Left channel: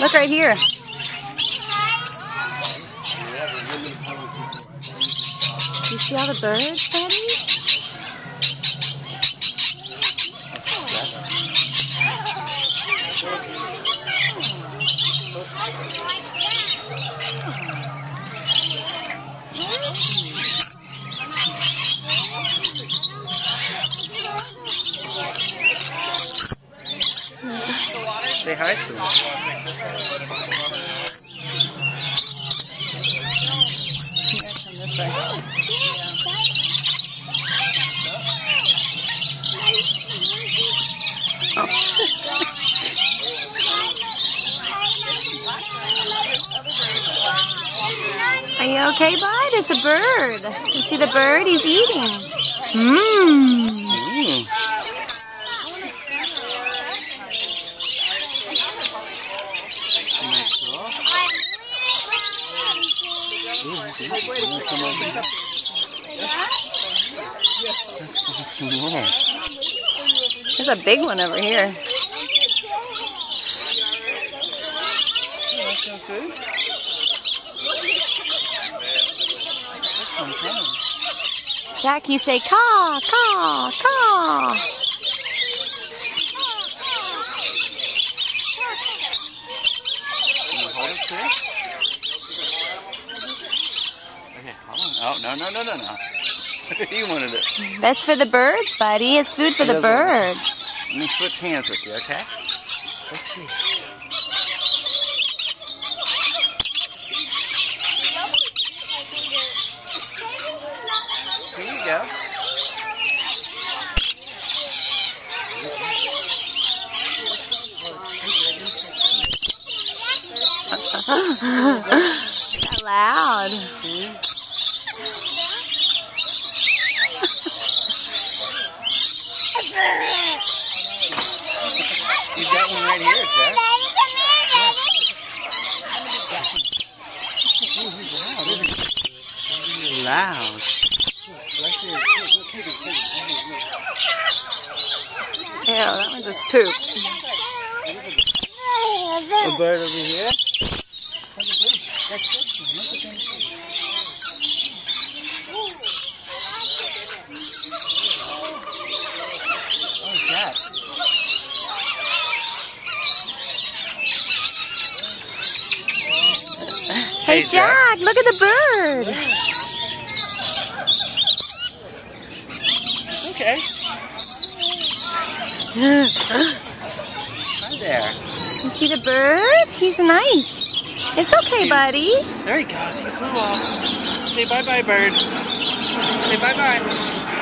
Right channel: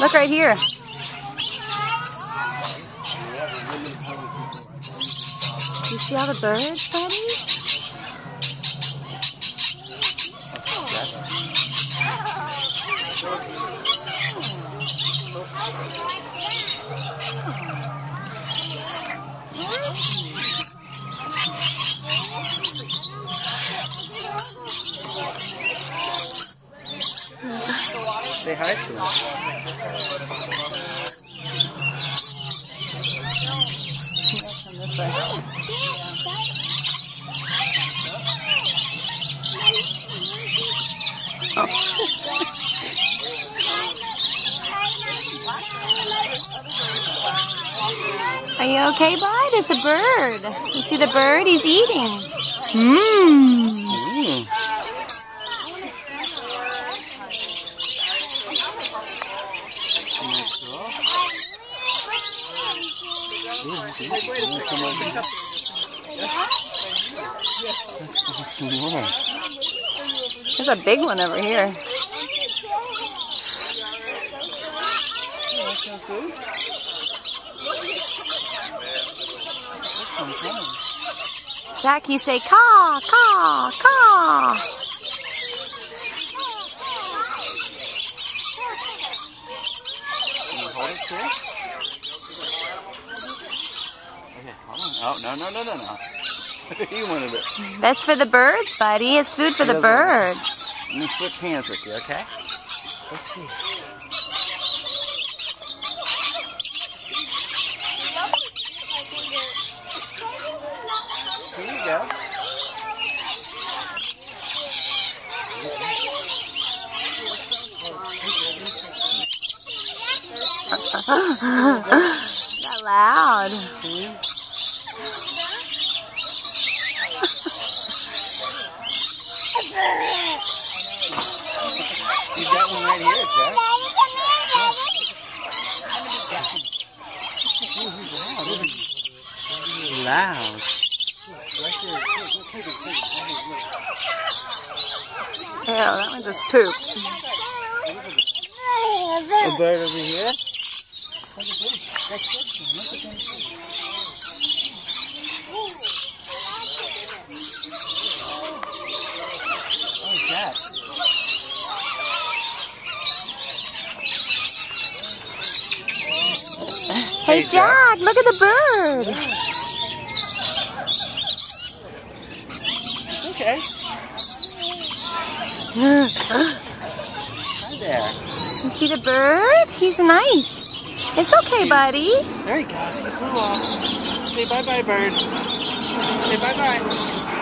Look right here. You see all the birds, buddy? Say hi to him. Oh. Are you okay, bud? It's a bird. You see the bird? He's eating. Mmm. There's a big one over here. Jack, you say caw, caw, caw. Can you hold it too? Okay, hold on. Oh, no. You wanted it. That's for the birds, buddy. It's food for the birds. Let me switch hands with you, okay? Let's see. Here you go. Not loud. You got one right here, Jack. Loud. Ew, that one just pooped. A bird over here. Oh, Jack. Hey, Jack, look at the bird. Okay. Hi there. You see the bird? He's nice. It's okay, buddy. There he goes. He flew off. Say bye-bye, bird. Say bye-bye.